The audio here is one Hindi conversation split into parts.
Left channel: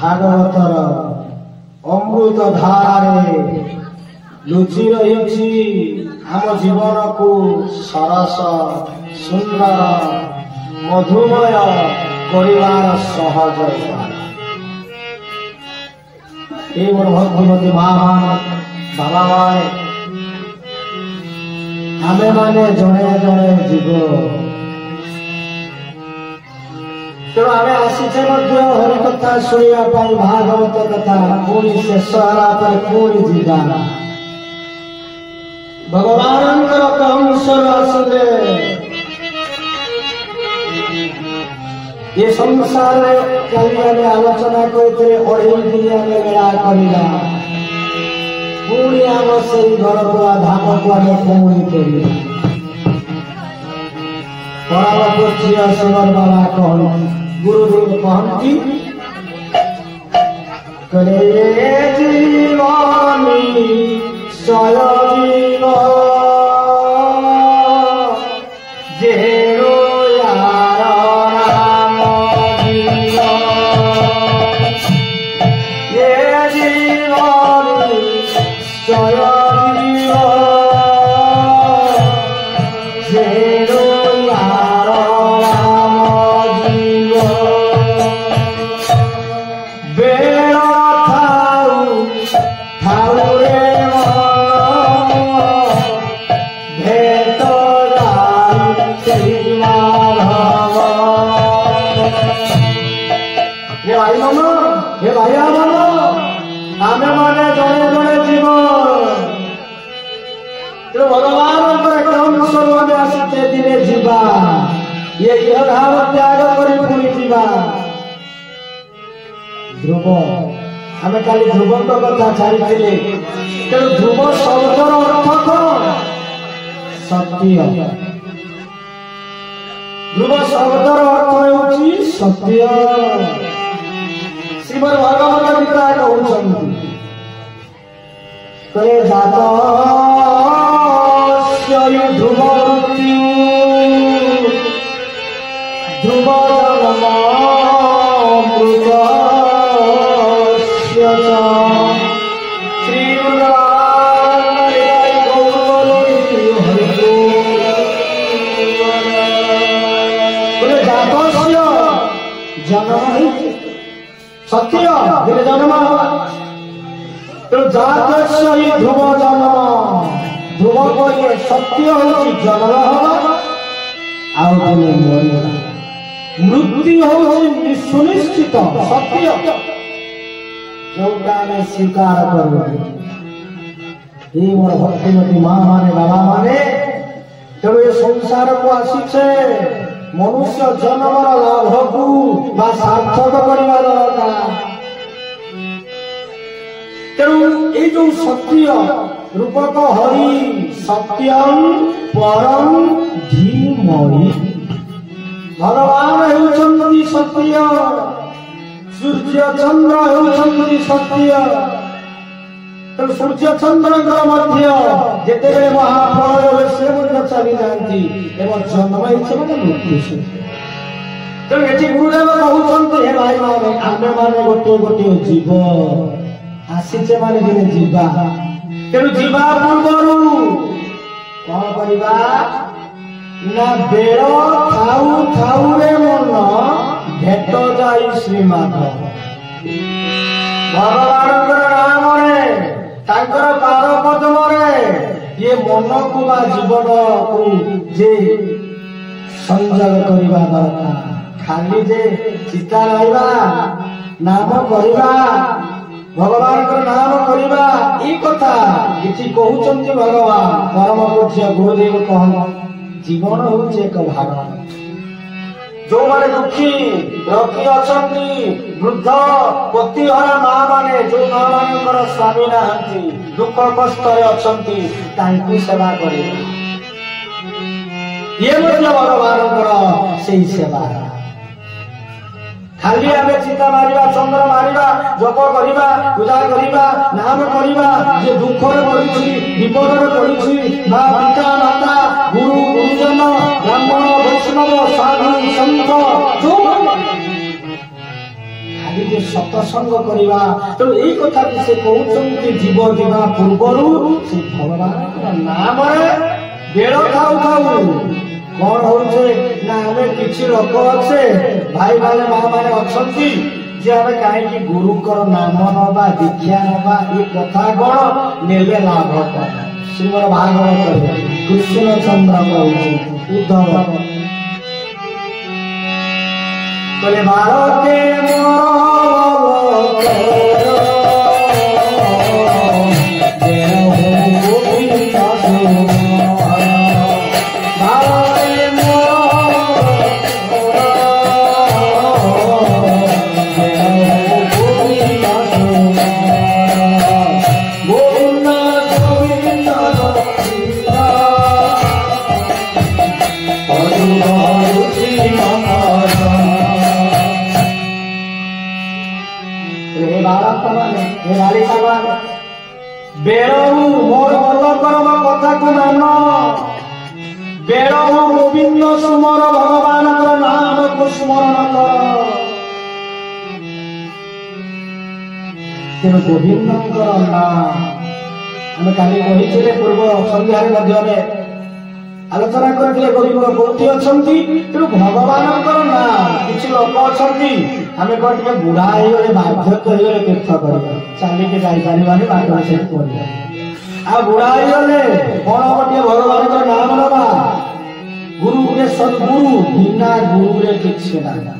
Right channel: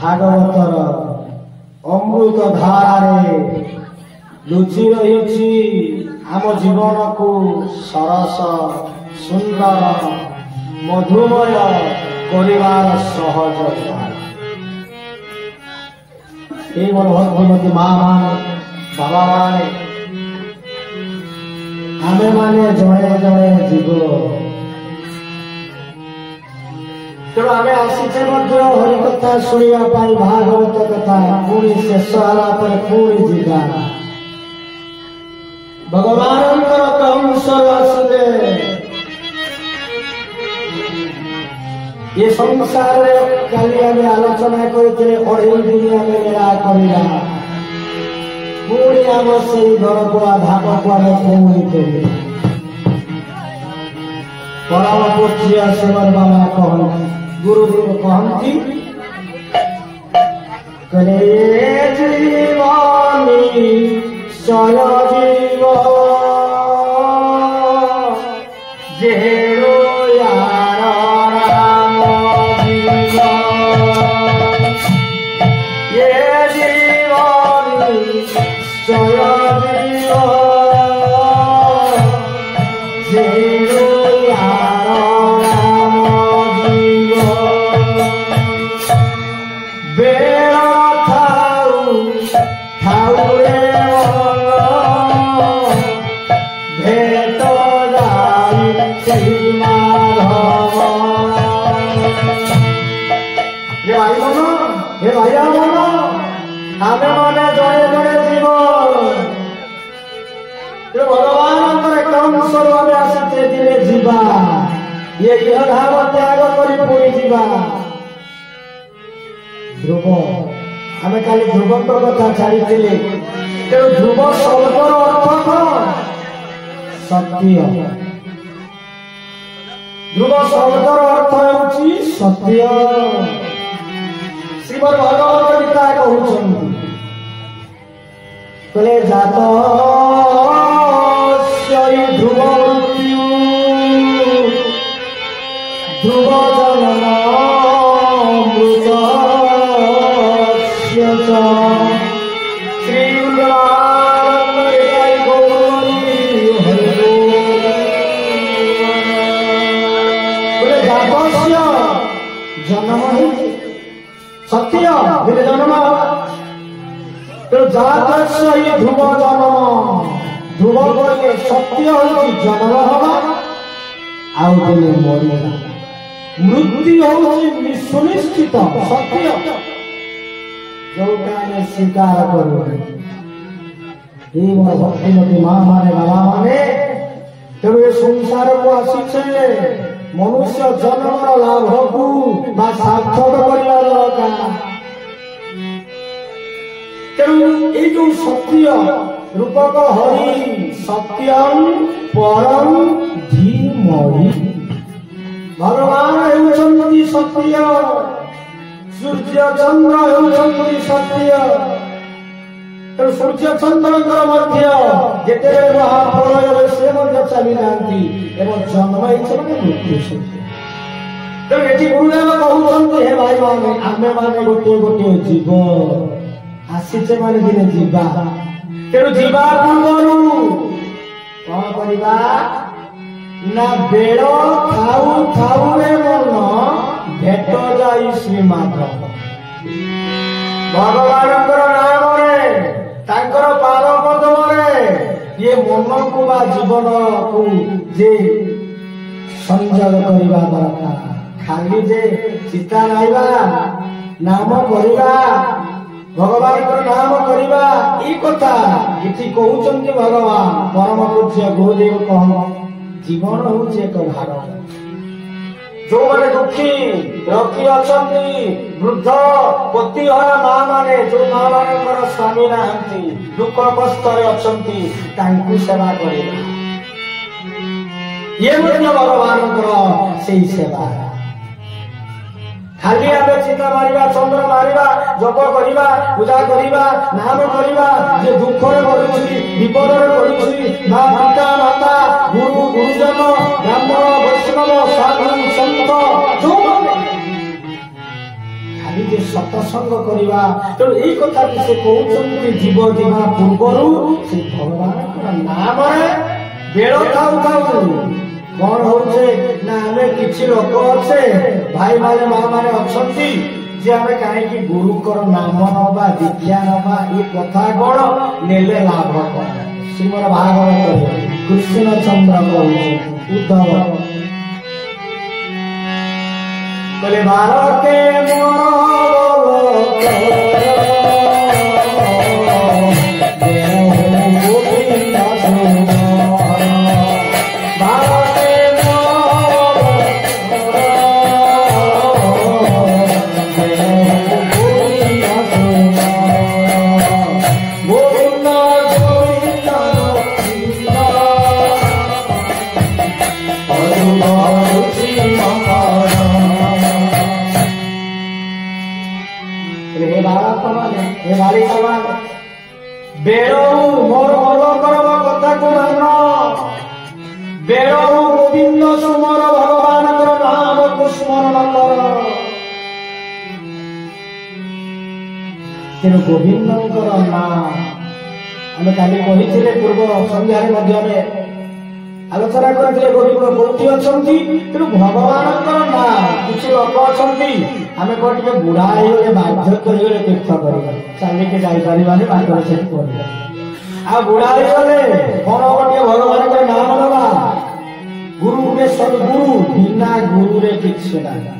भागवतर अमृत धारे लुचि रही आम जीवन को सरस सुंदर मधुमय परिवार सहज ये मोर भगवती माँ माने बाबा माने आमे माने जड़े जड़े जीव तेणु आम आसीचे हरिकथा शुणा भागवत कथा पुणी शेष होगा पुणी जा भगवान कंसर आसिले ये संसार कल आलोचना करते अढ़ई दिन आम मेला करवा पुणी आम से घर को धाम को आम पुणी कर परामर्श शिवर बाबा कहती गुरुदेव कहती कले जीवानी सय जीव जेरो यार राम जीव ये जीवानी सय जीव जेरो ये भाव त्याग कर ध्रुव आम कल ध्रुव कथा छाड़ी तेणु ध्रुव शब्दर अर्थ कौन सत्य ध्रुव शब्दर अर्थ हो सत्य श्रीमद भगवत गीता कहते जात ध्रुव ध्रुव जन्म सत्य जन्म तो जात ध्रुव जन्म ध्रुव कहे सत्य हूँ जन्म हवा आने मर मृत्यु हूँ सुनिश्चित सत्य जोटा स्वीकार कर मोर भक्तिमती माँ माने बाबा माने तेणु ये संसार को आसीचे मनुष्य जन्मर लाभ को सार्थक कर तेणु ये जो सत्य रूपक हरि सत्यम परम धीमहि भगवान होउछन्ति सत्य सूर्य चंद्र होउछन्ति सत्य तो सूर्य चंद्र मध्य जिते महाप्रलय से चली जाती एवं जन्म ही मृत्यु तो ये गुरुदेव कहते हे भाई माने आमे माने गोटे गोटे जीव आसीचे माने दिने जीवा तेणु जीवा पूर्व कौन करवा ना बेल खाऊ खाऊ रे मन भेट जाई श्रीमाधव भगवान नाम तांकर पाद पद्म ये मन को बा जीवन को जे संजोग करवा दरकार खाली जे चिता रहिबा नाम करवा भगवान को नाम करवा ई कथा इति कहउचंती भगवान परम पूज्य गुरुदेव कहन जीवन होचे एक भाग जो माने दुखी रखी अछंती वृद्ध पतिहारा माँ माने जो माँ मानकर स्वामी नाहंती दुख कष्ट अछंती तांकु सेवा करिबा ये मतलब भगवान से सेवा खाली आमे चिता मारिबा चंद्र मारिबा जप करिबा पूजा करिबा नाम करिबा जे दुख रे पड़िछि विपद रे पड़िछि ना पिता माता गुरु गुरुजन ब्राह्मण वैष्णव साधु संत जो खाली जे ଟିକେ ସତସଙ୍ଗ କରିବା। ତେଣୁ ଏଇ କଥା ସେ କହୁଛନ୍ତି ଜୀବ ଯିବା ପୂର୍ବରୁ ସେ ଭଗବାନଙ୍କର ନାମରେ ବେଳ ଥାଉ ଥାଉ କଣ ହଉଛେ ନା ଆମେ କିଛି ଲୋକ ଅଛେ ଭାଇ ମାନେ ମା ମାନେ ଅଛନ୍ତି ଯେ ଆମେ କାହିଁକି ଗୁରୁଙ୍କର ନାମ ନବା ଦୀକ୍ଷା ନବା ଏ କଥା କଣ ନେଲେ ଲାଭ କଣ? ଶ୍ରୀମଦ ଭାଗବତ କୃଷ୍ଣଚନ୍ଦ୍ର କହୁଛନ୍ତି ଉଦ୍ଧବ କହିଲେ ଭାରତେ ବେଳୁ ମୋର ମନକର କଥାକୁ ମାନ ବେଳୁ ଗୋବିନ୍ଦ ସୁମର ଭଗବାନଙ୍କର ନାମକୁ ସ୍ମରଣ କର। ତେଣୁ ଗୋବିନ୍ଦଙ୍କର ନାମ ଆମେ କାଲି କହିଥିଲେ ପୂର୍ବ ସନ୍ଧ୍ୟାରେ ମଧ୍ୟ ଆମେ ଆଲୋଚନା କରିଥିଲେ ଗୋବିନ୍ଦ କୋଉଠି ଅଛନ୍ତି। ତେଣୁ ଭଗବାନଙ୍କର ନାଁ କିଛି ଲୋକ ଅଛନ୍ତି ଆମେ କଣ ଟିକେ ବୁଢା ହେଇଗଲେ ବାର୍ଦ୍ଧକ୍ୟ ହେଇଗଲେ ତୀର୍ଥ କରିବା ଚାଲିକି ଯାଇପାରିବାନି ବାଟରେ ସେଠି କରିବା ଆଉ ବୁଢା ହେଇଗଲେ କଣ ହବ ଟିକେ ଭଗବାନଙ୍କର ନାମ ନେବା ଗୁରୁ କେ ସଦ୍ଗୁରୁ ବିନା ଗୁରୁରେ କିଛି ନାହିଁ।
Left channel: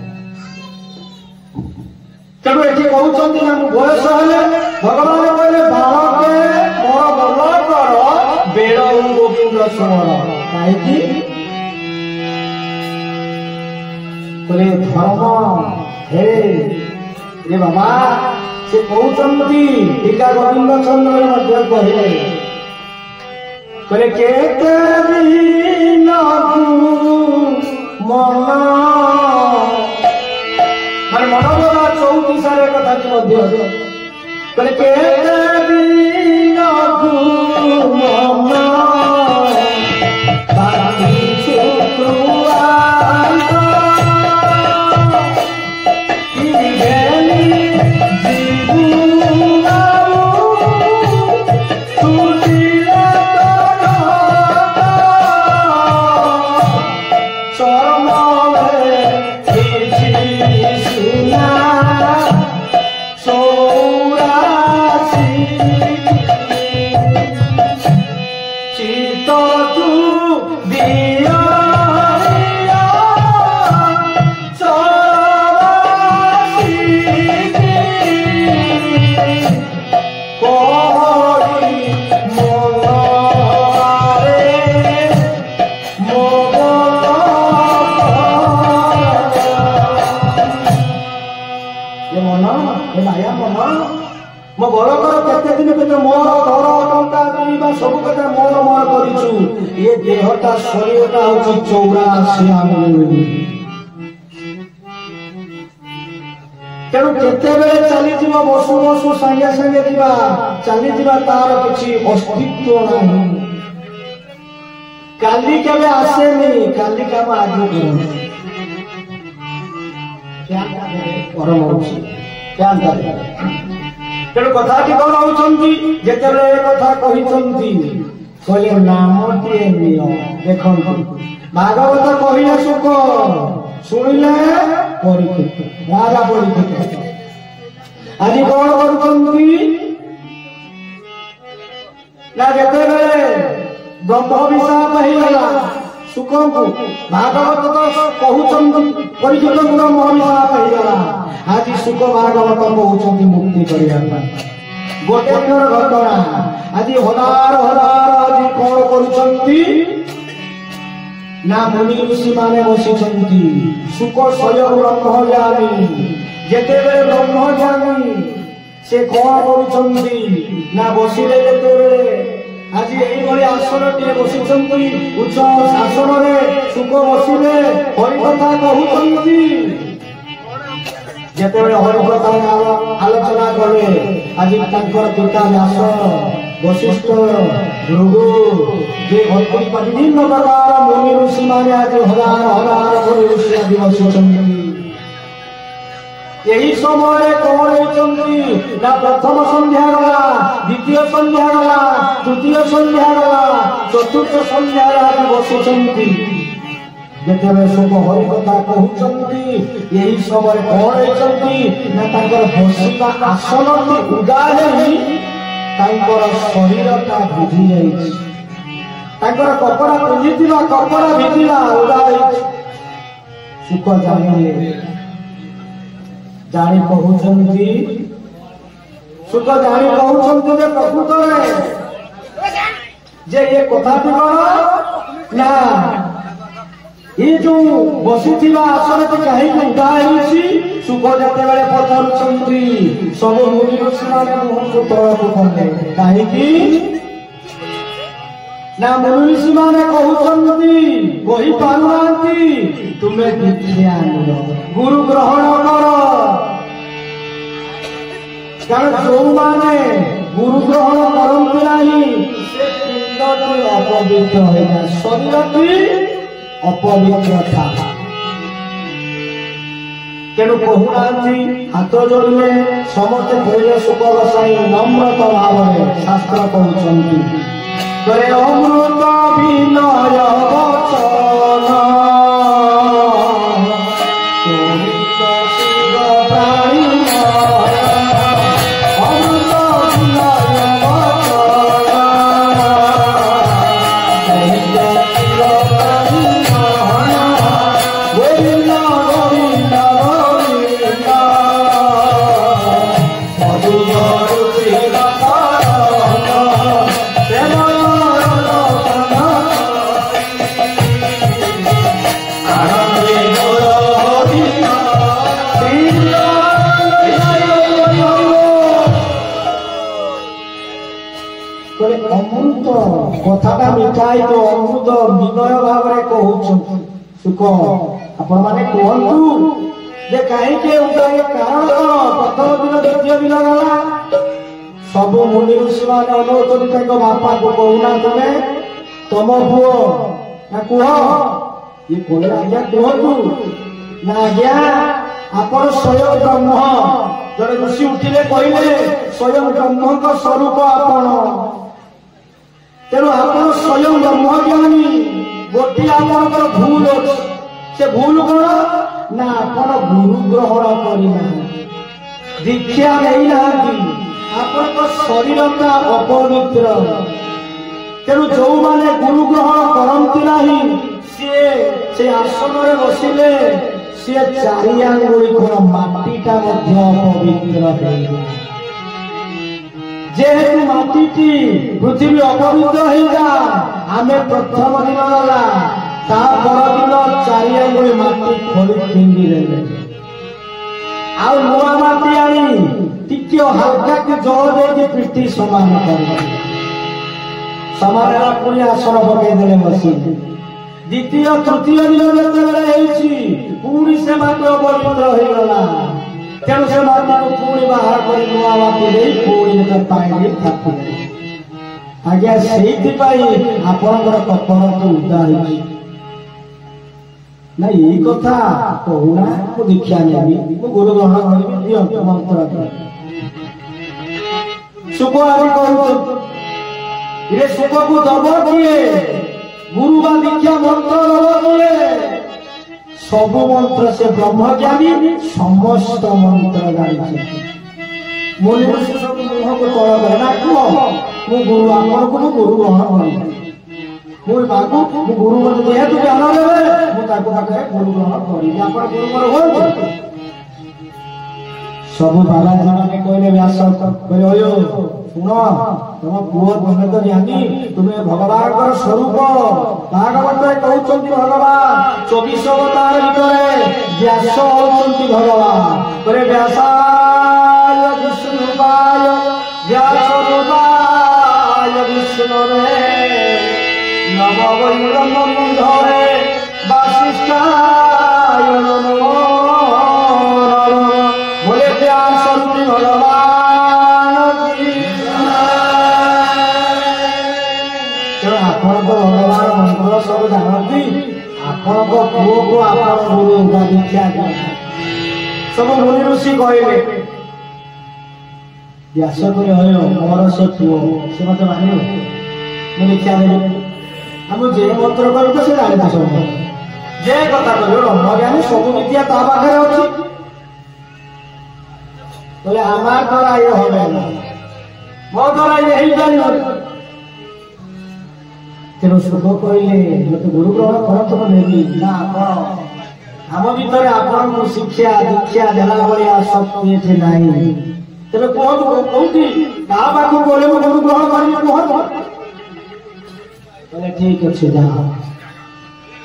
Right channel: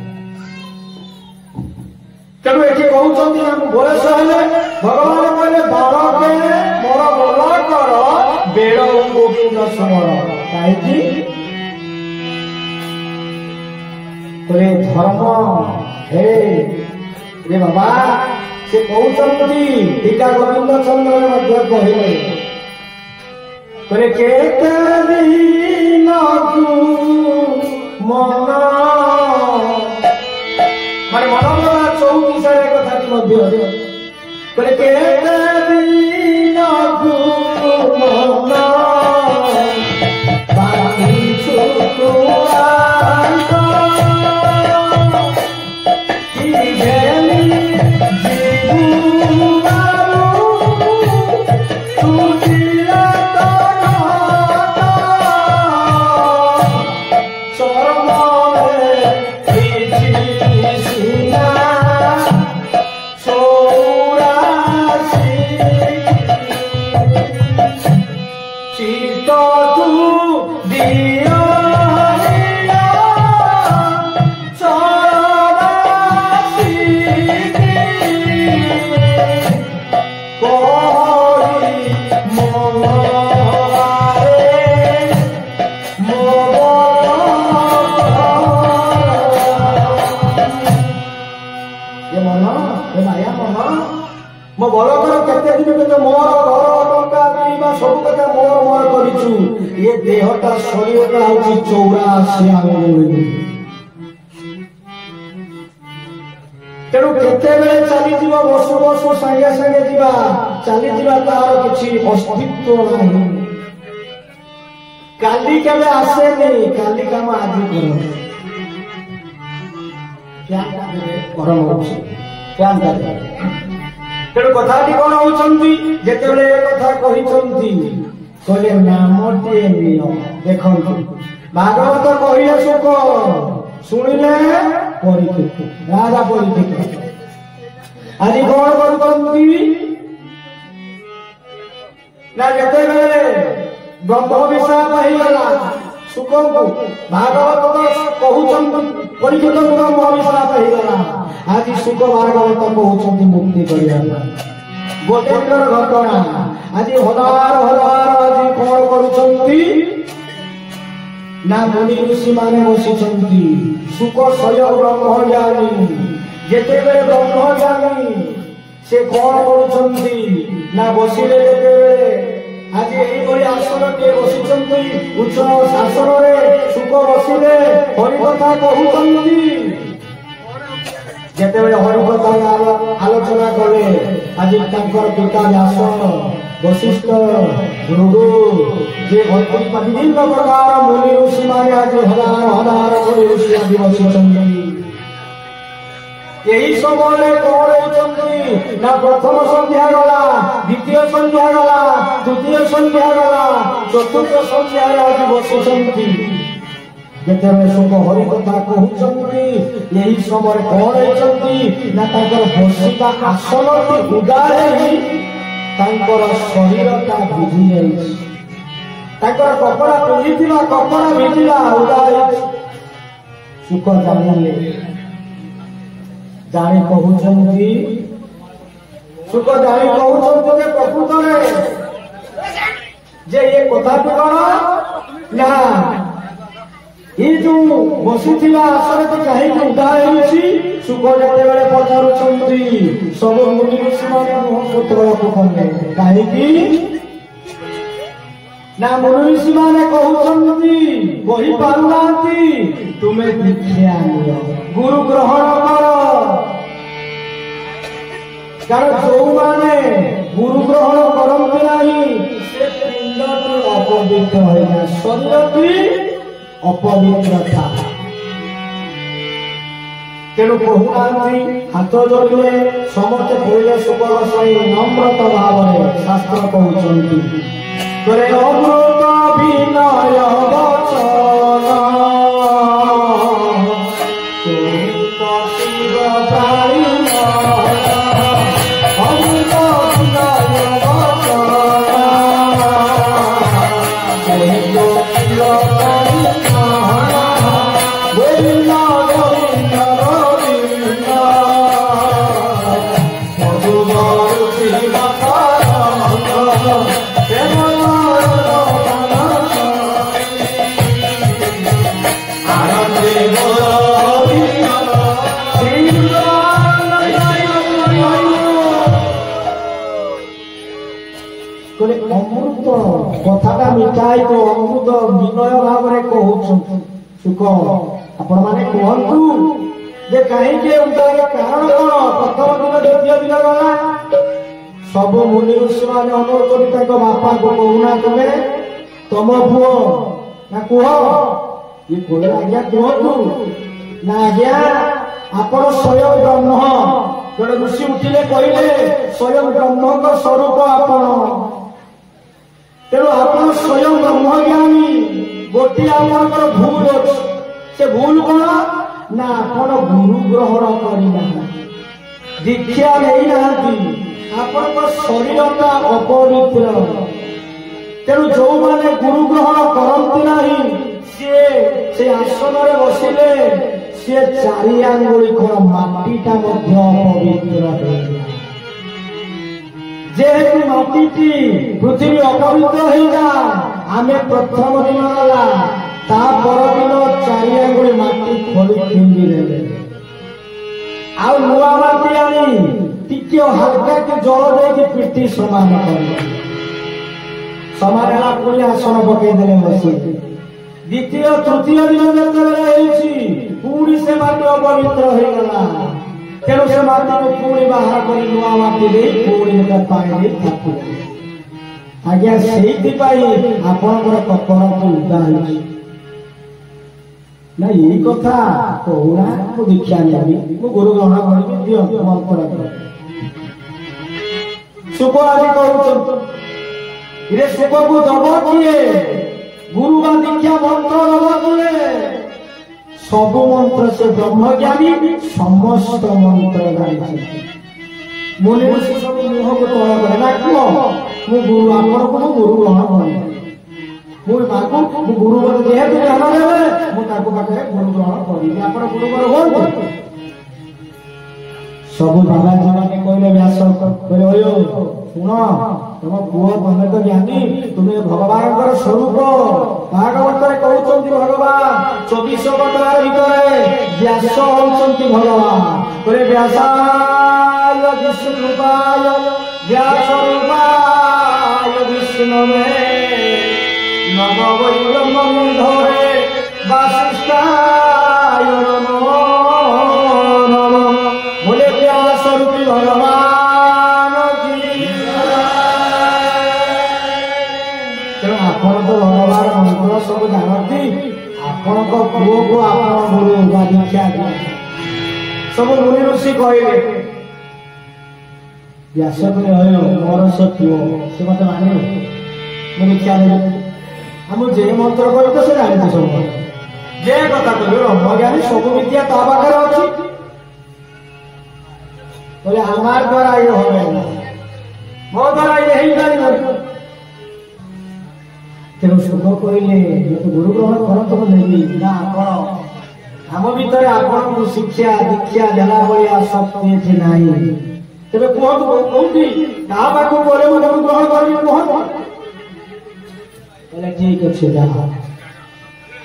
ତେଣୁ ଏଠି କହୁଛନ୍ତି ନା ବୟସ ହେଲେ ଭଗବାନ କହିଲେ ବାଳକେ ମୋର ଭଲ କର ବେଳ ଗୋବିନ୍ଦ ସ୍ମରଣ କାହିଁକି ଧର୍ମ ହେ ବାବା ସେ କହୁଛନ୍ତି ପିତା ଗୋବିନ୍ଦ ଚନ୍ଦ୍ର ମଧ୍ୟ କହିଲେ କେତେ ମନ ମାନେ ମନୋରମା 34 କଥାଟି ମଧ୍ୟ କେତେ ମନ ମୋ ବଳ କର କେତେ ଦିନ କେତେ ମୋର ଘର ଟଙ୍କା କିଣିବା ସବୁ କଥା ମୋର କରିଛୁ ଏ ଦେହଟା ଶରୀରଟା ହଉଛି 84 ଆଙ୍ଗୁଳି। ତେଣୁ କେତେବେଳେ ଚାଲିଯିବ ବସୁ ବସୁ ସାଙ୍ଗେ ସାଙ୍ଗେ ଯିବା ଚାଲିଯିବା ତାର କିଛି ଅସ୍ତିତ୍ୱ ନାହିଁ। କାଲି କେବେ ଆସେନି କାଲି କାମ ଆଜି ତେଣୁ କଥାଟି କଣ ହଉଛନ୍ତି ଯେତେବେଳେ ଏ କଥା କହିଛନ୍ତି କହିଲେ ନାମଟିଏ ନିଅ। ଦେଖନ୍ତୁ ଭାଗବତ କହିଲେ ସୁଖ ଶୁଣିଲେ ପରୀକ୍ଷିତ ରାଜା ପରୀକ୍ଷିତ ଆଜି କଣ କରୁଛନ୍ତି ନା ଯେତେବେଳେ ବ୍ରହ୍ମ ବିଶାପ ହେଇଗଲା ସୁଖଙ୍କୁ ଭାଗବତ କହୁଛନ୍ତି ପରୀକ୍ଷିତ ବ୍ରହ୍ମ ବିଶାପ ହେଇଗଲା ଆଜି ସୁଖ ଭାଗବତ କହୁଛନ୍ତି ମୁକ୍ତି କରିବା ଗୋଟେ ଦିନର ଘଟଣା। ଆଜି ହଜାର ଆଜି କଣ କରୁଛନ୍ତି ନା ମୁନି ଋଷି ମାନେ ବସିଛନ୍ତି ସୁଖ ସ୍ୱୟଂ ବ୍ରହ୍ମଜ୍ଞାନୀ ଯେତେବେଳେ ବ୍ରହ୍ମଜ୍ଞାନୀ ସେ କଣ କରୁଛନ୍ତି ନା ବସିଲେ ଯେତେବେଳେ ଆଜି ଏଇଭଳି ଆସନଟିଏ ବସିଛନ୍ତି ଉଚ୍ଚ ଶାସନରେ ସୁଖ ବସିଲେ ହରିକଥା କହୁଛନ୍ତି। ଯେତେବେଳେ ହରିକଥା ଆଲୋଚନା କଲେ ଆଜି ତାଙ୍କର ପିତା ବ୍ୟାସ ବଶିଷ୍ଠ ଭୃଗୁ ଯେ ବିଭିନ୍ନ ପ୍ରକାର ମୁନି ଋଷି ମାନେ ଆଜି ହଜାର କରି ଋଷି ଆଜି ବସିଛନ୍ତି। यही समय कौन ना प्रथम संध्या गला द्वितीय संध्या गला तृतीय संध्या गला चतुर्थ संध्या आज बसुंट जिते सब हरि कथा कहते यही समय कौन ना बसवा आसन उदा शरीर भिजी जा कपड़ा पिंधि कपड़ा भिजिला उदा सुख जानिए जानी कहते सुख जानी कहते प्रकृत में जे ये कथा कौन ना ये जो बसुवा आसन कहीं उदाहरण सुख जिते पचार सब मुनि ऋषि मैंने मुह को तलक कले कहीं ना मुनि ऋषि मैंने कही पारना तुम्हें दीक्षा गुरु ग्रहण कर जो माने गुरु ग्रहण करते नहीं से पिंडटी अपवित्र हो जाए शरीरटी अपवित्र था तेणु कहूना हाथ जोड़े समस्त कहले सुख गोसाई नम्रत भाव में शास्त्र कहते अमृत विनय वचन प्राणी कथा मिठाई तो अमृत विनय भाव में कहते सुख आपण मैंने कहतु जे कहीं कारण कौन प्रथम दिन द्वितीय दिन गला सब मुनि ऋषि मैंने अनुरोध बापा को कहूना तुम्हें तुम पुओ ना कह ये बोले आज्ञा कहतु ना आज्ञा आपण स्वयं ब्रह्म जड़े ऋषि उठिले कहले स्वयं ब्रह्म का स्वरूप आपण तेणु आप स्वयं ब्रह्मज्ञानी गोटे आप भूल अच्छे से भूल कौन ना आप गुरु ग्रहण करना दीक्षा नहीं आप शरीर का अपवित्र तेणु जो मैंने गुरु ग्रहण करती नहीं सी आसन में बसिले सी चारि आंगुली माटीटा अपवित्र जेहेतु माटी पृथ्वी अपवित्र होगा आम प्रथम दिन गला दिन चारि आंगुली माटी खोली फिंगी आउ नुआ माटी आनी टिके हल्का के जल दे पिटी समान कर समारा पुणी आसन पकईदे बसी द्वितीय तृतीय दिन जिते पुणी से माटी अपवित्र होगा तेणु से माटी को पुणी बाहर कर नुआ माटी दे पुणी पाए आज्ञा से आपणकर कपड़ा तो उदा ना यही कथा कहूना मु दीक्षा नेबी मु गुरु ग्रहण करी दियो मंत्र सुख आज कहूँ ये सुख को दब किए गुरु बा दीक्षा मंत्र दब किए सब मंत्र से ब्रह्मज्ञानी समस्त मंत्र जानी मुनि ऋषि सब मुह को तल करे ना कह मु गुरु आमर को गुरु ग्रहण करी मुझे बाकू मु गुरु मत जेहेतु ज्ञान देवे मु ताको पाखे गुरु ग्रहण करी आपण गुरु ग्रहण हो सब बाबाजी माने कहले व्यास कहले ओयो सुनो तुम पुओ तुम तो ज्ञानी तुम्हें भगवान का स्वरूप भागवत कहते भगवान 24 अवतार भितर व्यास होती भगवान कहले व्यासाय विष्णुपाय व्यासरूपाय विष्णुवे नम वै ब्रह्मबुद्धे वासिष्ठाय नमो नमः बोले व्यास रूपी भगवान की आपण तो भगवान मंत्र सब जानती आपण को पुओ को आपण गुरु दीक्षा सब मुनि ऋषि कहले व्यास कहले हयो मोर से पुओ से मत मानियो मुनि क्या हम जे मंत्र करू तो से जानि सब जे कथा कहलो ब्रह्मज्ञानी सब विद्या ता पाखरे अछि बोले हमार द्वारा ये होवे ना मो द्वारा ये ही जानि तेणु सुख कहले तो गुरु ग्रहण करत नहीं ना आपण आम भीतर आपण शिक्षा दीक्षा देला भलिया शक्ति एठे नाही तेरे कहती ता पाख गले मो गुरु ग्रहण कर ठीक अच्छे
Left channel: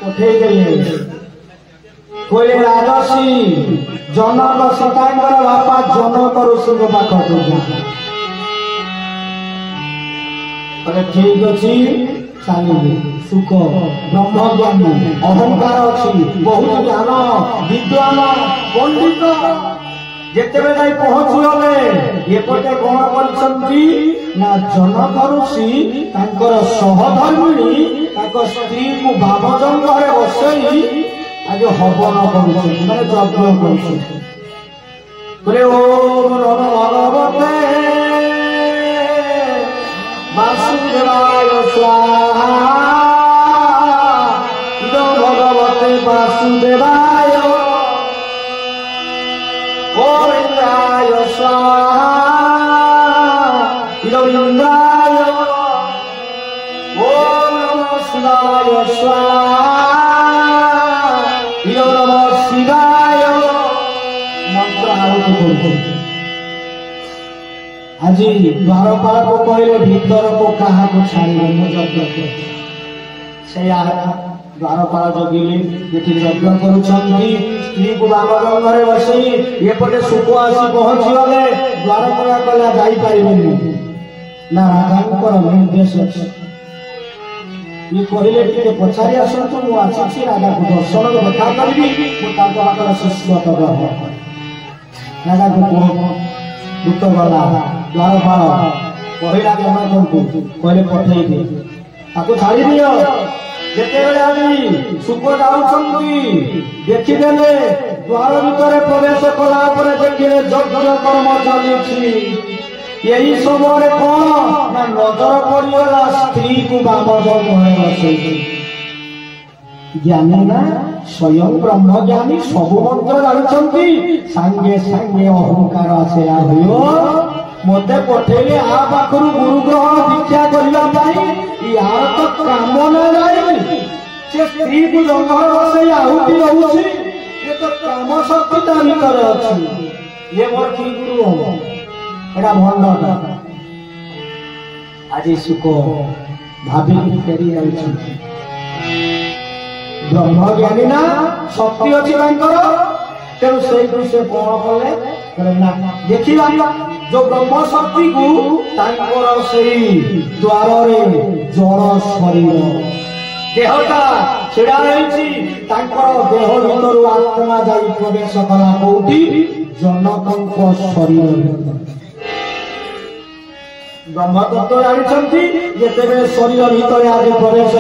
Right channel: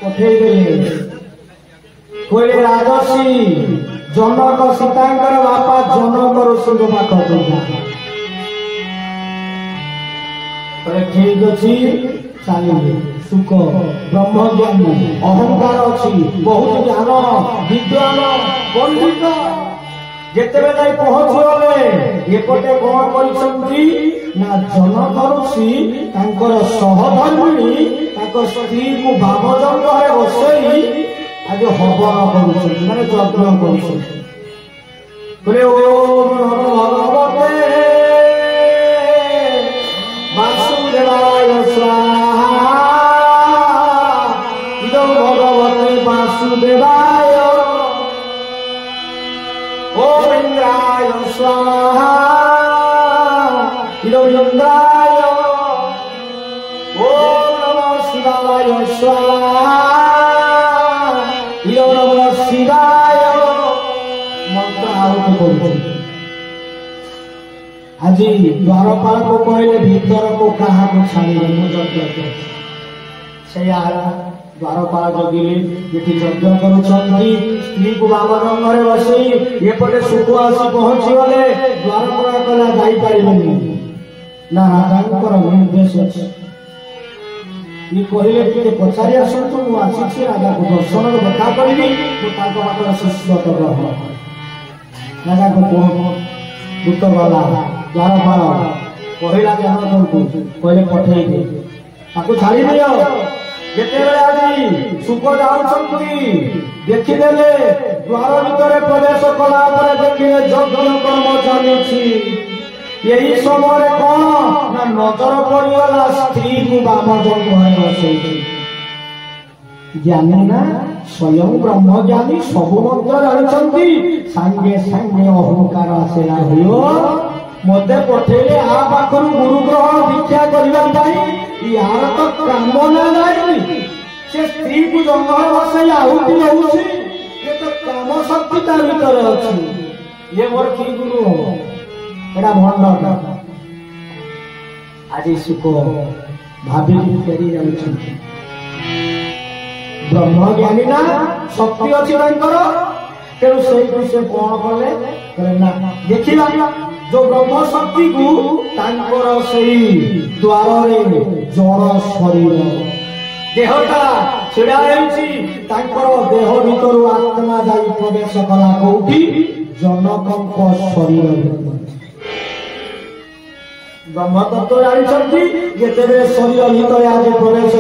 पठे गले कोई राजसी जनक सीतांकर बापा जनक ऋषि पाख ठीक अच्छी चलिए सुख ब्रह्मज्ञानी अहंकार अच्छी बहुत ज्ञान विद्वान पंडित जिते जाए पहुंचले एपटे कौन कर जनक ऋषि सहधर्मिणी स्त्री को भावजंग बसई आज हवन कर माने यज्ञ करे ओम नमो भगवते वासुदेवाय स्वाहा इदं भगवते वासुदेवाय ओम इंद्राय स्वाहा इदं इंद्राय ओम नमः शिवाय स्वाहा इदं नमः शिवाय मंत्र आहुति करू आज द्वारपाल को कहले भीतर को कहा को छाड़ी से द्वारपाल जगिले ये यज्ञ करुछंती स्त्री को बामजंग बसई एपटे सुख आसी पहुंची गले द्वारपाल कहला जाई पाइबेनी ना राजा निर्देश अच्छे ये कहले टिके पचारि आसतु मु आसी राजा को दर्शन देखा करी हाथ शिष्य राजा को दुख गला द्वारपाल कहला जनक को कहले पठेई दे ताको छाड़ी दियो जेते सुख जाउछंती देखिदेले द्वार भितर प्रवेश कला पर देखिले यज्ञ कर्म चलुछि यही समय कौन ना नजर पड़गला स्त्री को बामजंग बसई ज्ञानी ना स्वयं ब्रह्मज्ञानी सब मंत्र जानते सांगे सांगे अहंकार आसे मते पठेले आ पाखरु गुरु ग्रहण दीक्षा करने यार तो काम ना जाए से स्त्री को जंगल बसई आहुति दउछि ये तो काम शक्ति ता भीतर अछि ये मोर की गुरु हो एटा भंडा आज सुख भाभी फेरी जाउछि ब्रह्मज्ञानी ना शक्ति अच्छी तेणु से कौन कले ना देखिला जो ब्रह्म शक्ति को द्वार जड़ शरीर देहटा छेड़ा रही देह भीतर आत्मा जा प्रवेश कला कौटी जनक शरीर ब्रह्मतत्व जानते जिते शरीर भितर आज प्रवेश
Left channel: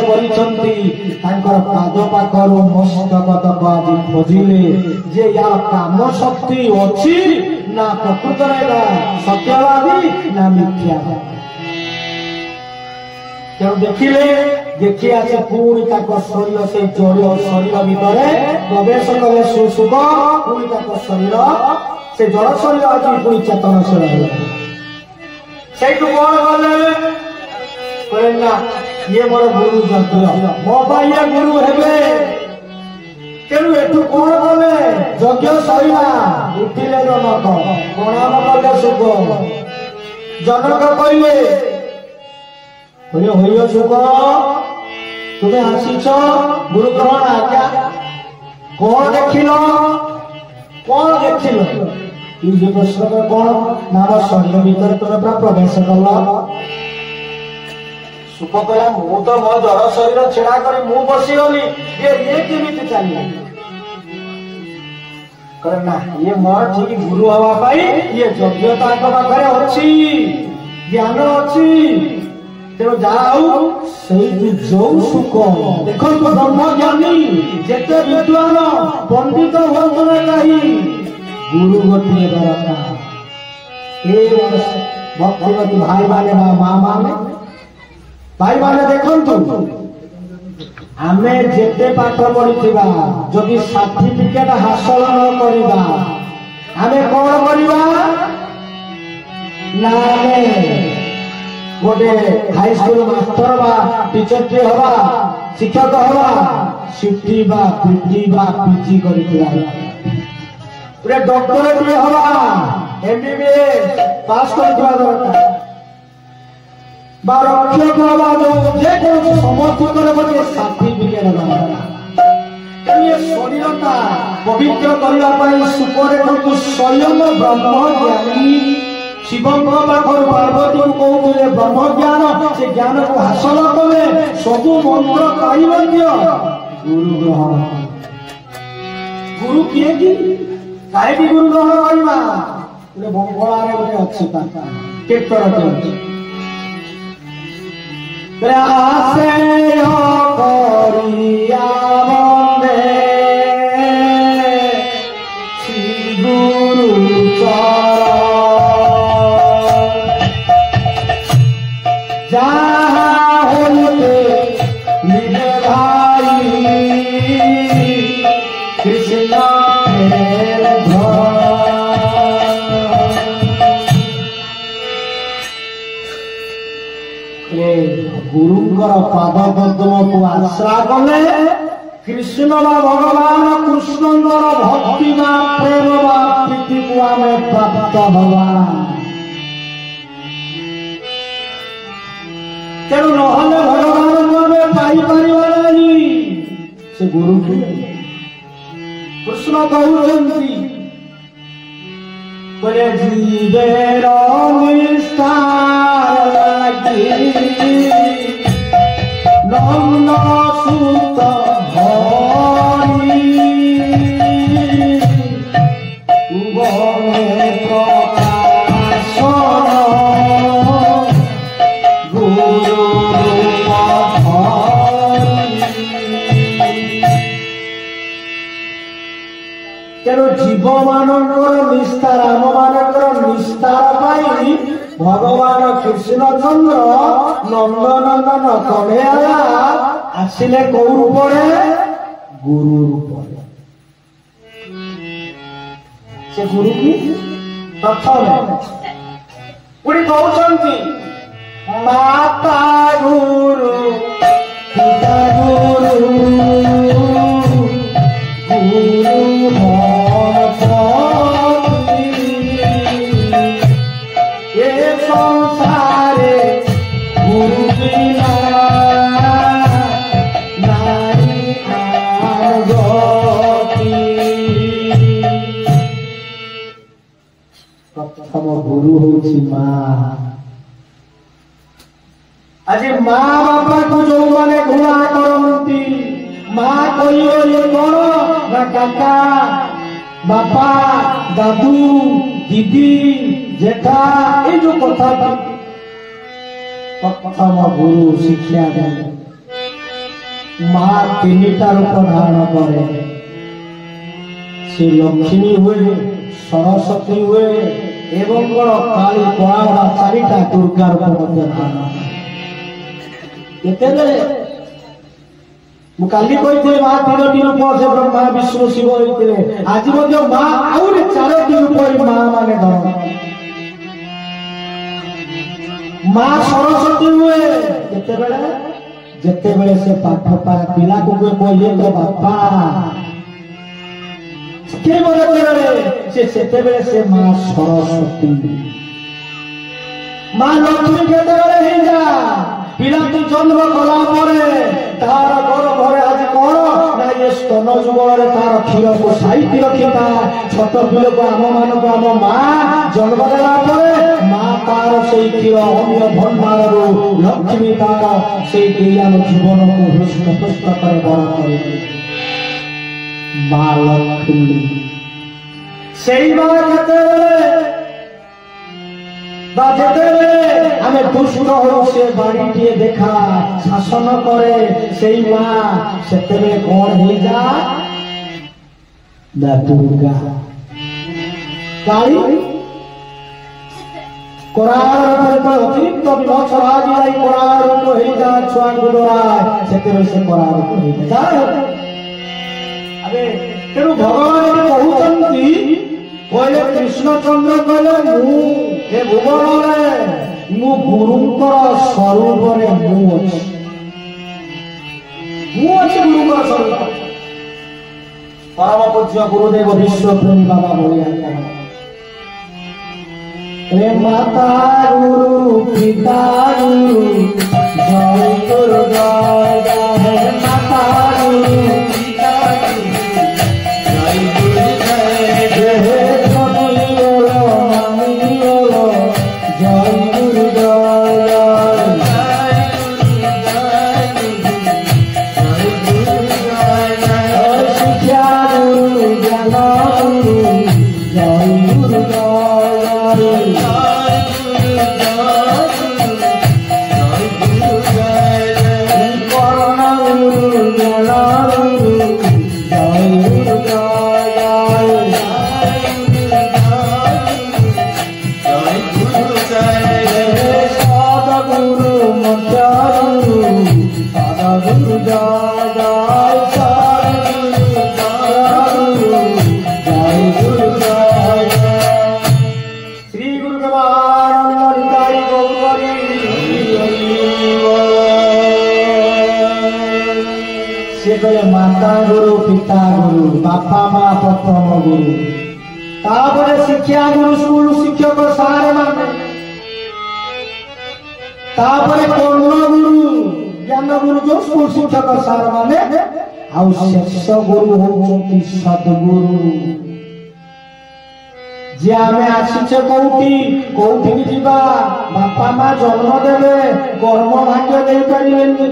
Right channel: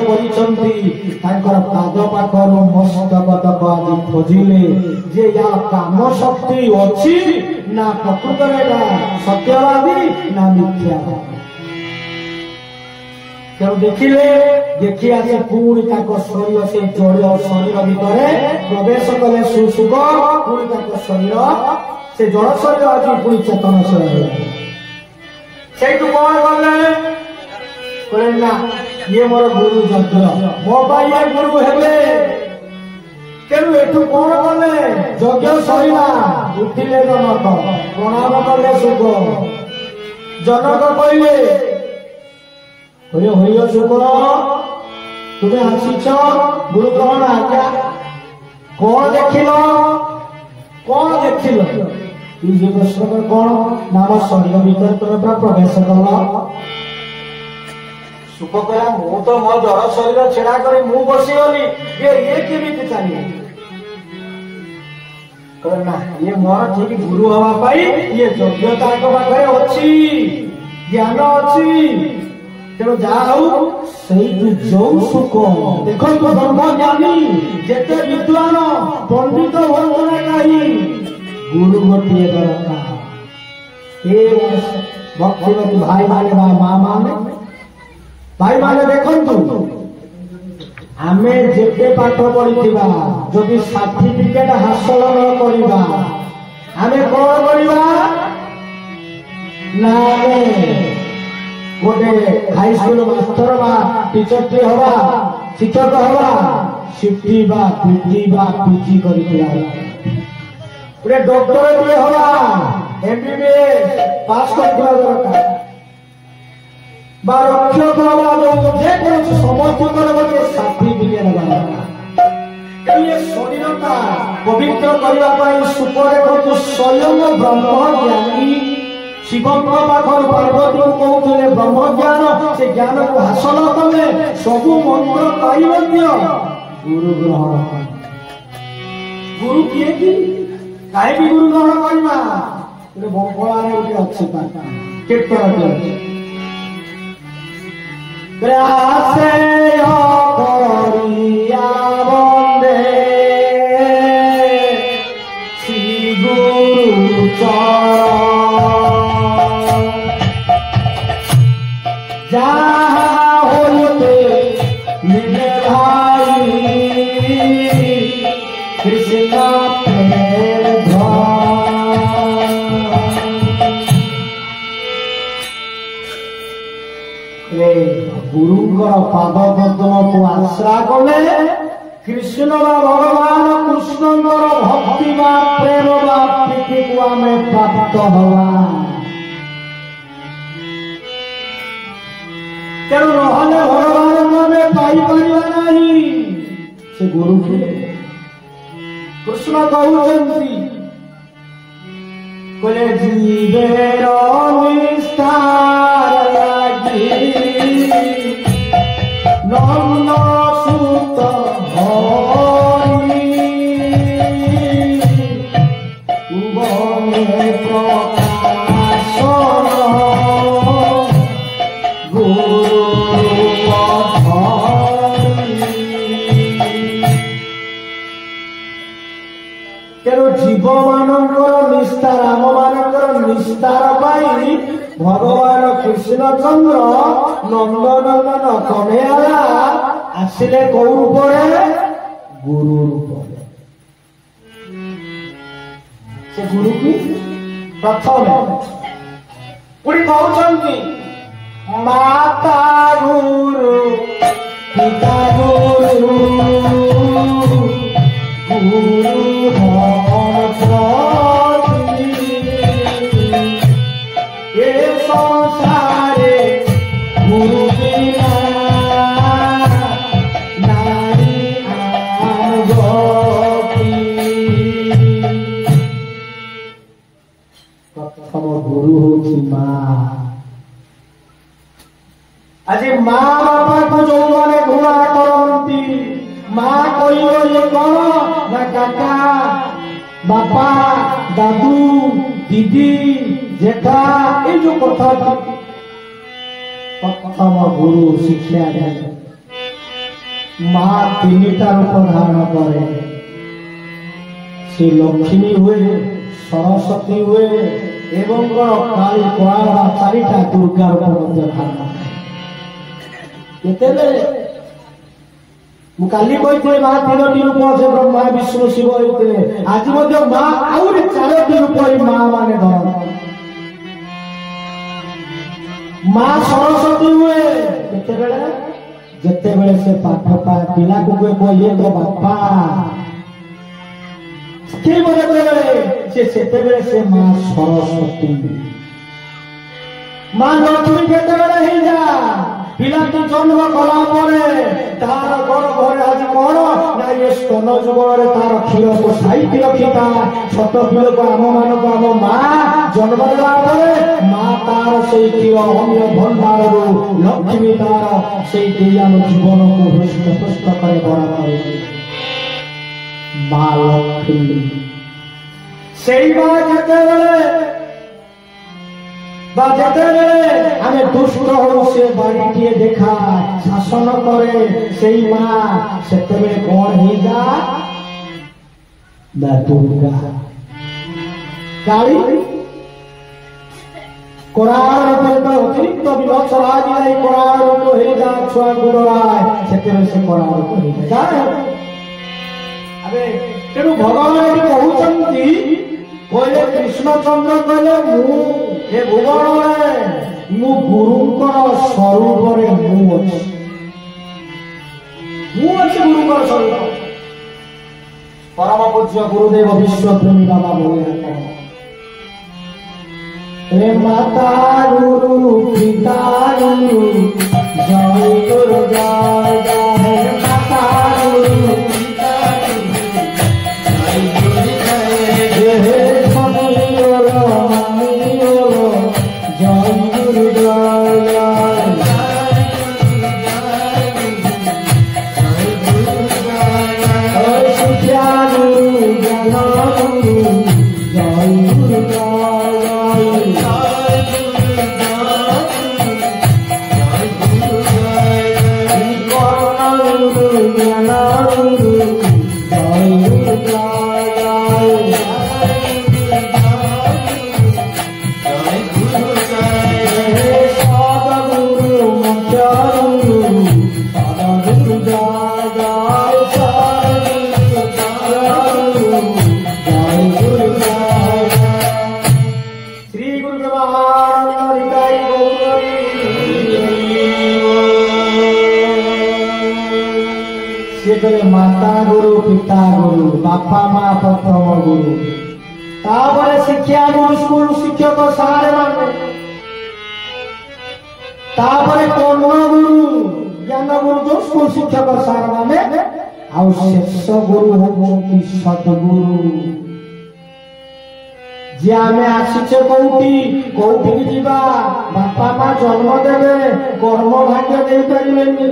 कर पाद पाखर मस्तक तक आज खोजिले जे या काम शक्ति अच्छी ना प्रकृत सत्यवादी ना मिथ्या तेणु देखिले देखी आसे पुणी शरीर से जड़ शरीर भितर प्रवेश कले सुसुख पुणी शरीर से जड़ शरीर आज पुणी चेतन शरीर से ये मोर गुरु यज्ञ मो ये गुरु हेबे तेणु एठू कौन कले यज्ञ सरिला उठिले जनक प्रणाम कले सुख जनक कहले होइयो सुख तुमे आसीछ गुरु ग्रहण आज्ञा कौन देखिल ये प्रश्न कौन नाम शरीर भीतर तुम प्रवेश कल सुख कहला मु तो मो जड़ शरीर छेड़ा कर मु बसीगली ये केमी चलिए ना ये मोर ठीक गुरु हवा ये योग्यता पाखे अच्छी ज्ञान अच्छी तेणु जाऊ जो सुख देख ब्रह्मज्ञानी जेते विद्वान पंडित हुआ कहीं गुरु गोटे दरकार भक्तिमती भाई माने माँ माने भाई माने देखु आमे जेते पाठ पढ़िथिबा जदि सर्टिफिकेट हासिल न करिबा आमे कौन करिबा ना गोटे हाई स्कूल मास्टर बा टीचर टे हवा शिक्षक हवा सिटी बा पीटी बा पीजी करिथिबा गोटे डॉक्टर टे हवा एमबीबीएस पास करिथिबा दरकार बा रक्षक हवा जे कोन समस्त गोटे सर्टिफिकेट दरकार ये शरीरता पवित्र करने सुपरेखा स्वयं ब्रह्म ज्ञानी शिव पाखर पार्वती को कहते ब्रह्म ज्ञान से ज्ञान को हासिल कले सबू मंत्र पाई गुरु ग्रहण गुरु किए कि कहीं गुरु ग्रहण करवा गोटे बंगला गोटे अच्छी कीर्तन अच्छी प्रयासे करिया बंदे श्री गुरु जहाँ होते मेरे भाई कृष्ण गुरुंकर पाद पद्म को आश्रा कले कृष्ण भगवान कृष्ण भक्ति प्रेम प्रीति को आम प्राप्त हवा तेणु नहले भगवान आम पाइपर नहीं से गुरु कृष्ण कहते बोले जीवेर नम्न सुत भरी बने प्रकाश गुरु तेणु जीव मानकर निस्तार आम मानकर निस्तार पाई भगवान कृष्णचंद्र नंदनंदन कन्हैया आसिले कौ रूपे गुरु रूपे से गुरु की प्रथम पुणी कहते माता गुरु पिता गुरु गुरु हूँ माँ आज माँ बापा को जो मैंने घुआ करती माँ कहे कौन ना काका बापा दादू दीदी जेठा ये जो कथा प्रथम गुरु शिक्षा दे माँ तीनटा रूप धारण करे से लक्ष्मी हुए सरस्वती हुए एवं काली कला चारिटा दुर्गा रूप धारण काली कही माँ तीनोटी रूप से ब्रह्मा विष्णु शिव होते आज माँ आउे चारोटी रूप माँ माने धर माँ सरस्वती हुए जिते बड़े से पाठ पाए पिला को कहे तो बापा से माँ सरस्वती माँ लक्ष्मी के जा पिलाटी जन्म कला तार घर आज कौन ना ये स्तन जुगल तार क्षीर को साइति रखिता छोट पिल को आम मान को आम माँ जन्म देला माँ तार से क्षीर अन्य भंडार लक्ष्मी तार से आम जीवन को हृष्टपुष्ट कर बड़ करे माँ लक्ष्मी से आम दुष्ट हो से बाड़ी देखा शासन करे से माँ से कौन हो जा दुर्गा କାଳି କୋରାଳ ରୂପରେ ଅତିରିକ୍ତ ବିଭକ୍ତ କରାଯାଇ କୋରାଳ ରୂପ ହେଇଯାଏ ଛୁଆଙ୍କୁ ଦଳାଏ ସେଥିରେ ସେ କୋରାଳ ରୂପ ହେଇଯାଏ। ତେଣୁ ଭଗବାନ ଏଠି କହୁଛନ୍ତି କହିଲେ କୃଷ୍ଣଚନ୍ଦ୍ର କହିଲେ ମୁଁ ଏ ଭୁବନରେ ମୁଁ ଗୁରୁଙ୍କର ସ୍ୱରୂପରେ ମୁଁ ଅଛି ଗୁରୁଙ୍କର ସ୍ୱରୂପ। ପରମ ପୂଜ୍ୟ ଗୁରୁଦେବ ବିଶ୍ୱପ୍ରେମୀ ବାବା ବଳିଆ हे माता गुरु पिता गुरु जय गुरु जय हे माता गुरु पिता गुरु जय गुरु जय हे छोटी बोलो मामी बोलो जय गुरु जय शिक्षा गुरु ज्ञान गुरु जय गुरु माता गुरु पिता गुरु बापा माँ प्रथम गुरु तापरे शिक्षा गुरु स्कूल शिक्षक सारे माने तापरे कर्म गुरु ज्ञान गुरु जो स्कूल शिक्षक सारे माने आउ शेष गुरु होती सद्गुरु जे आमे आसीचे कोउठी कोउठी की जीवा बापा माँ जन्म देबे कर्म भाग्य दे परिबेनी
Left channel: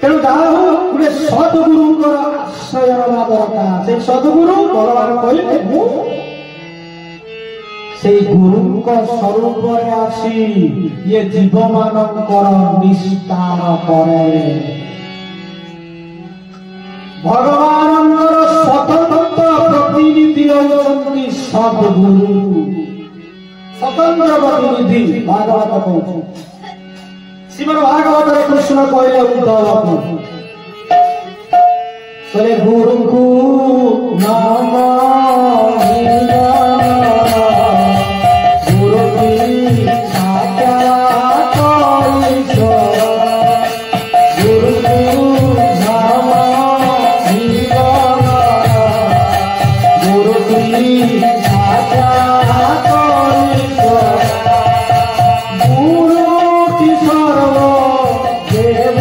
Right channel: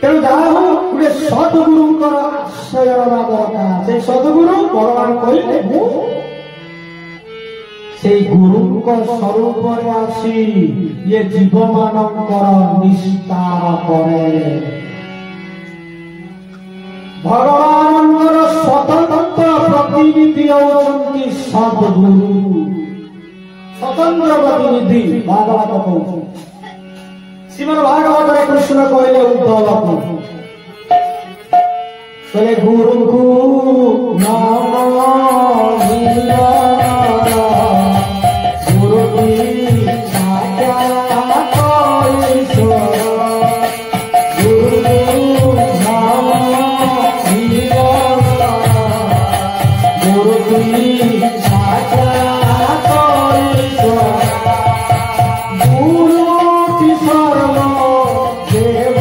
तेणु जहाँ गोटे सद्गुरुंर आश्रय रहा दरकार से सद्गुरु भगवान कहले से गुरु स्वरूप आसी ये जीव मानकर निस्तार करे भगवान स्वतंत्र प्रतिनिधि होती सद्गुरु स्वतंत्र प्रतिनिधि भागवत कहते श्रीमद् भागवत कृष्ण कहले उद्धव से गुरु को नाम गुरु की साक्षात गुरु को नाम गुरु की साक्षात गुरु की सर्व देव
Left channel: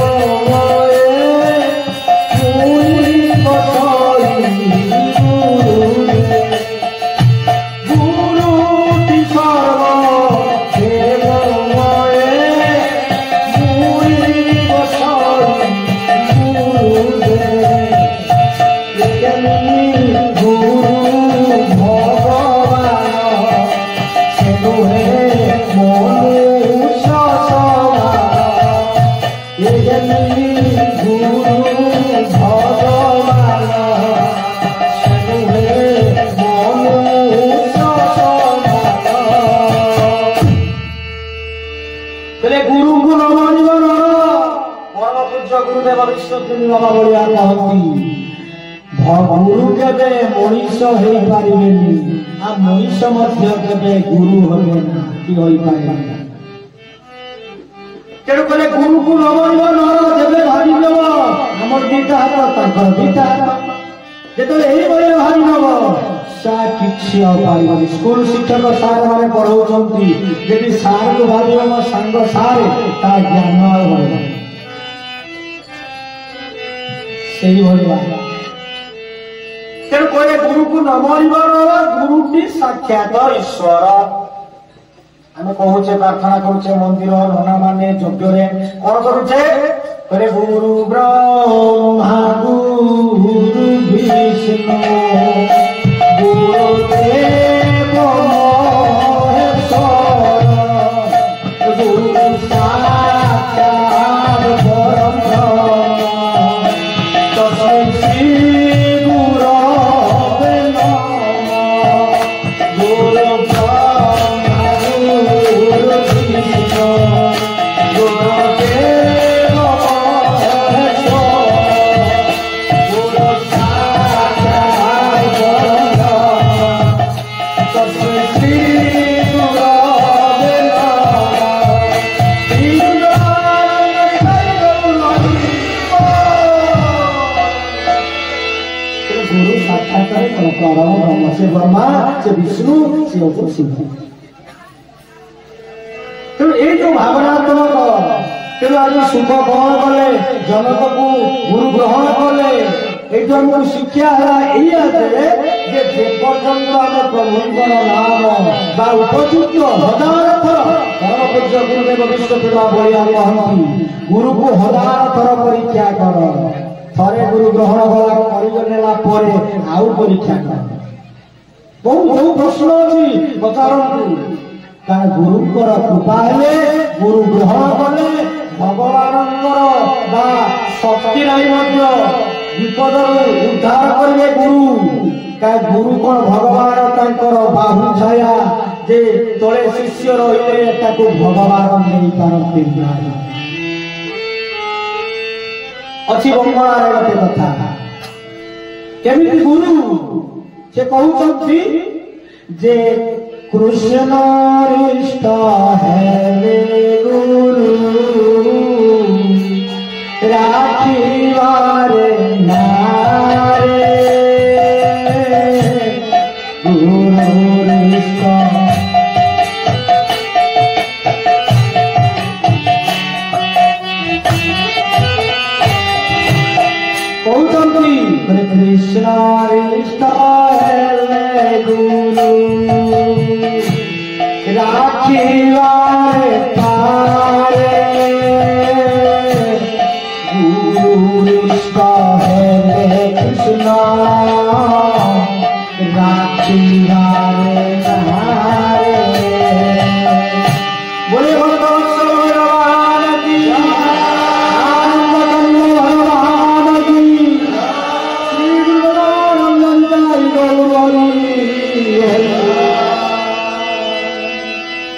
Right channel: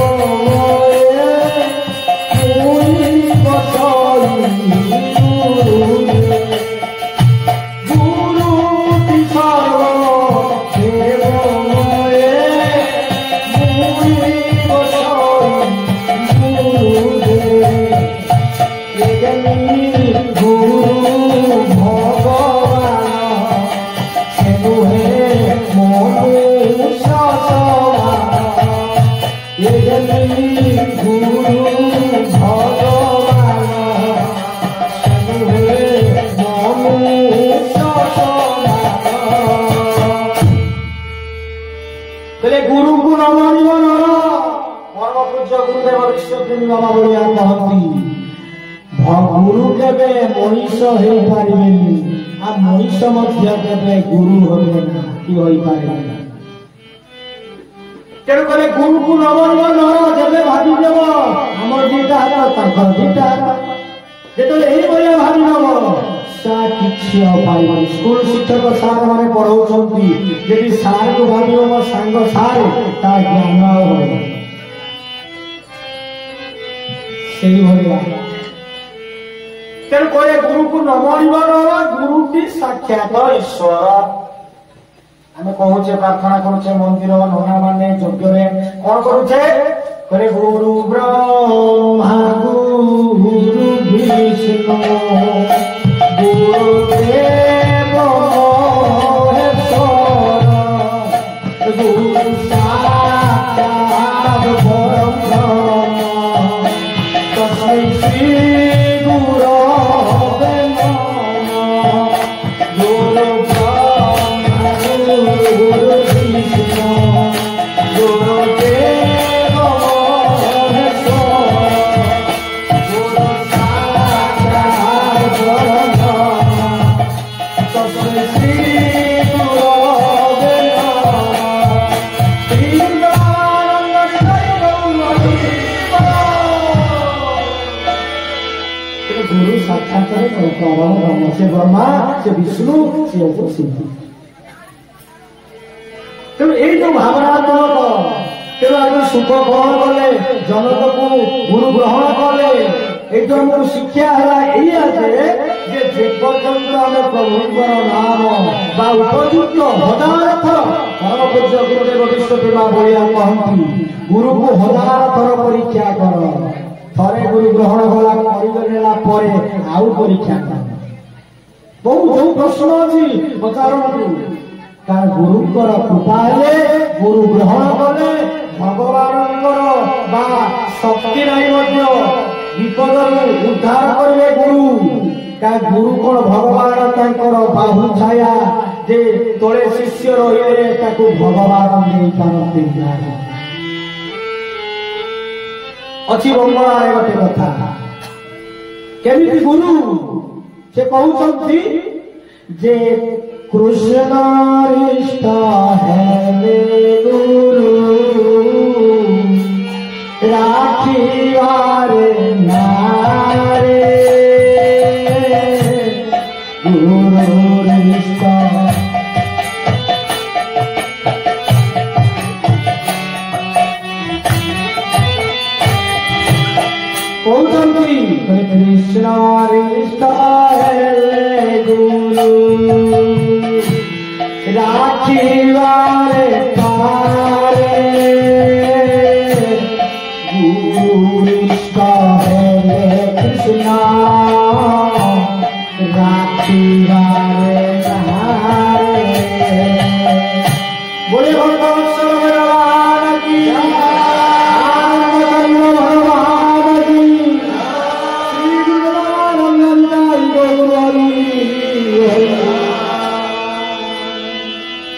गुरु केबे मनीष हो पारिबेनी आ मनीष मध्य केबे गुरु होबे ना कि होई पारे तेरो कले गुरु को न मानबो न जेबे भाबी देबो हमर दीटा हाथ ताकर दीटा जेतले एई भलिया भाबी देबो सा किछि न पारिबो स्कूल शिक्षक सार माने पढाउछंती जेदी सार को भाबियो मो संग सार ता ज्ञान होबे सेही भलिया तेणु कहले गुरु को न मानिबार गुरुटी साक्षात ईश्वर आम कहूचे प्रार्थना करुचे मंदिर नना माने यज्ञ कौन करुचे कहले गुरु ब्रह्मा गुरु विष्णु गुरु देव महेश्वर गुरु साक्षात परब्रह्म तस्मै श्री गुरवे नमः गुरु साक्षात ब्रह्म से ब्रह्मा से विष्णु से शिव तेणु ये जो भावनात्मक तेणु आज सुख ग्रहण कले जनक को गुरु ग्रहण कले ये आमको शिक्षा है जेपर्यंत आम प्रभुंर नाम उपयुक्त हजार थर परम पूज्य गुरुदेव विश्वदेवा बलिया कहती गुरु को हजार थर परीक्षा कर थरे गुरु ग्रहण गला आउ परीक्षा कर बहुत बहुत प्रश्न अच्छी पचारतु का गुरुंर कृपा हेले गुरु ग्रहण कले भगवान शक्ति नहीं विपद उद्धार करेंगे गुरु का गुरु कौन भगवान बाहु छाया जे तले शिष्य रही भगवान नहीं पारती अच्छी बंगाल गोटे कथा केमिति गुरु से कहते जे कृष्ण इष्ट है गुरु राखिवारे नारे गुरु इष्ट कृष्ण इष्ट है गुरु राखिवारे थारे गुरु इष्ट है कृष्ण राखिवारे नारे बोले भगवान की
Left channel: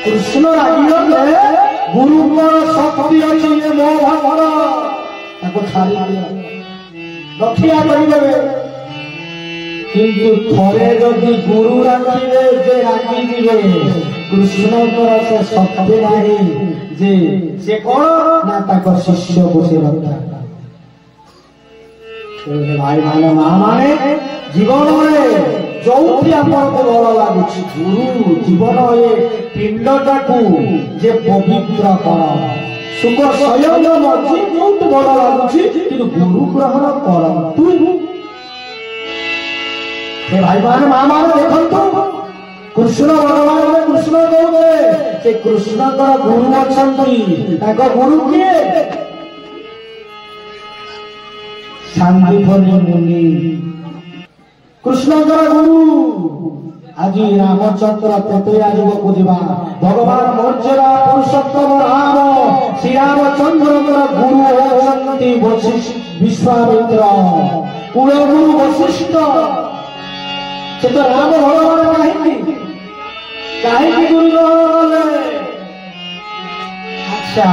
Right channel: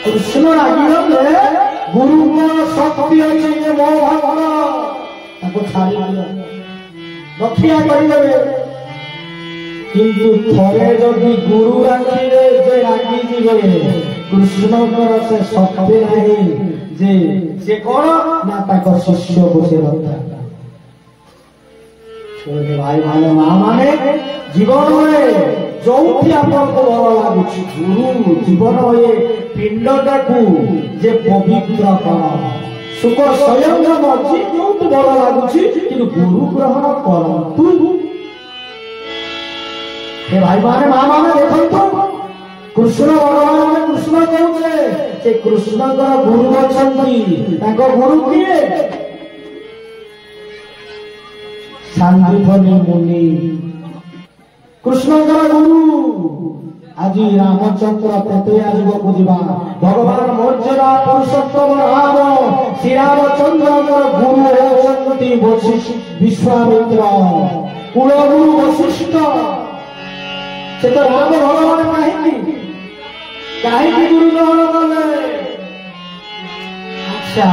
कृष्ण रागिले गुरु को शक्ति अच्छी मो भाव छाड़ी रक्षा करेंगे किंतु थोड़े जदि गुरु राखिले जे रागिले कृष्ण से शक्ति नहीं जे से कौन ना शिष्य को से रक्षा भाई माने माँ माने जीवन में जो आपको भल लगुच गुरु जीवन ये पिंडटा को जे पवित्र कर सुख स्वयं मर्जी जो भल लगुच गुरु ग्रहण करतु भाई माने माँ माने देखो कृष्ण भगवान कृष्ण कहते कृष्ण गुरु अच्छा गुरु किए शांतिफनी मुनि कृष्ण गुरु आज रामचंद्र पेटया युग को भगवान मौर्य पुरुषोत्तम राम श्री रामचंद्र गुरु होती विश्वामित्र कुलगुरु वशिष्ठ से तो राम भगवान कहीं गुरु ग्रहण कले अच्छा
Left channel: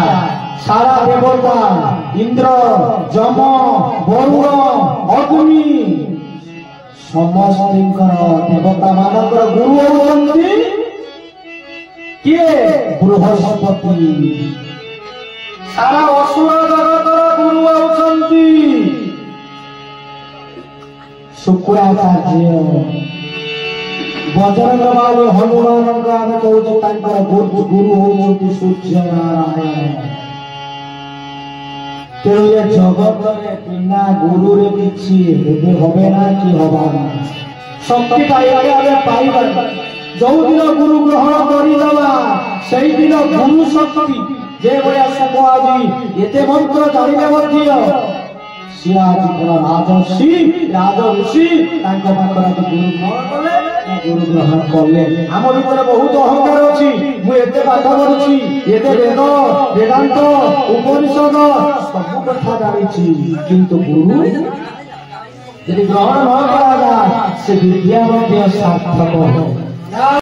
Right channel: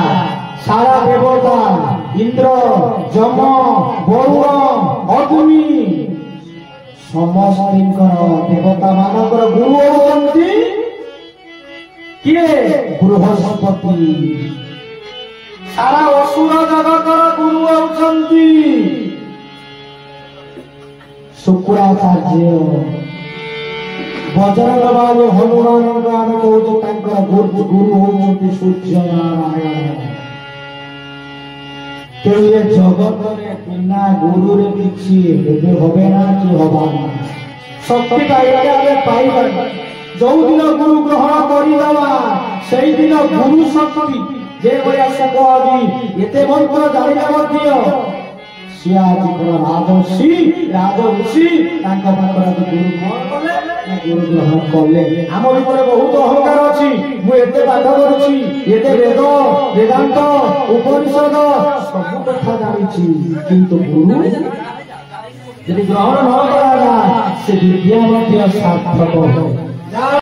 सारा देवता इंद्र जम वरुण अग्नि समस्त देवता मानक गुरु होती किए बृहस्पति सारा असुर जगत गुरु होती शुक्राचार्य बजरंग बाली हनुमान आम कहूँ गुरु होती सूर्य नारायण तेणु ये जगत बिना गुरु रे किछि होबे ना कि हबना शक्ति पाइबा जो दिन गुरु ग्रहण करदेवा से दिन गुरु शक्ति जे भाया सुख आज एते मंत्र जाने सी आज राजर्षि राज ऋषि गुरु ग्रहण कले आम भीतर बहुत अहंकार अच्छी मुझे पाठ पढ़ी एते वेद वेदांत उपनिषद सब कथा जानी किंतु गुरु यदि ग्रहण न करा से विद्या सार्थक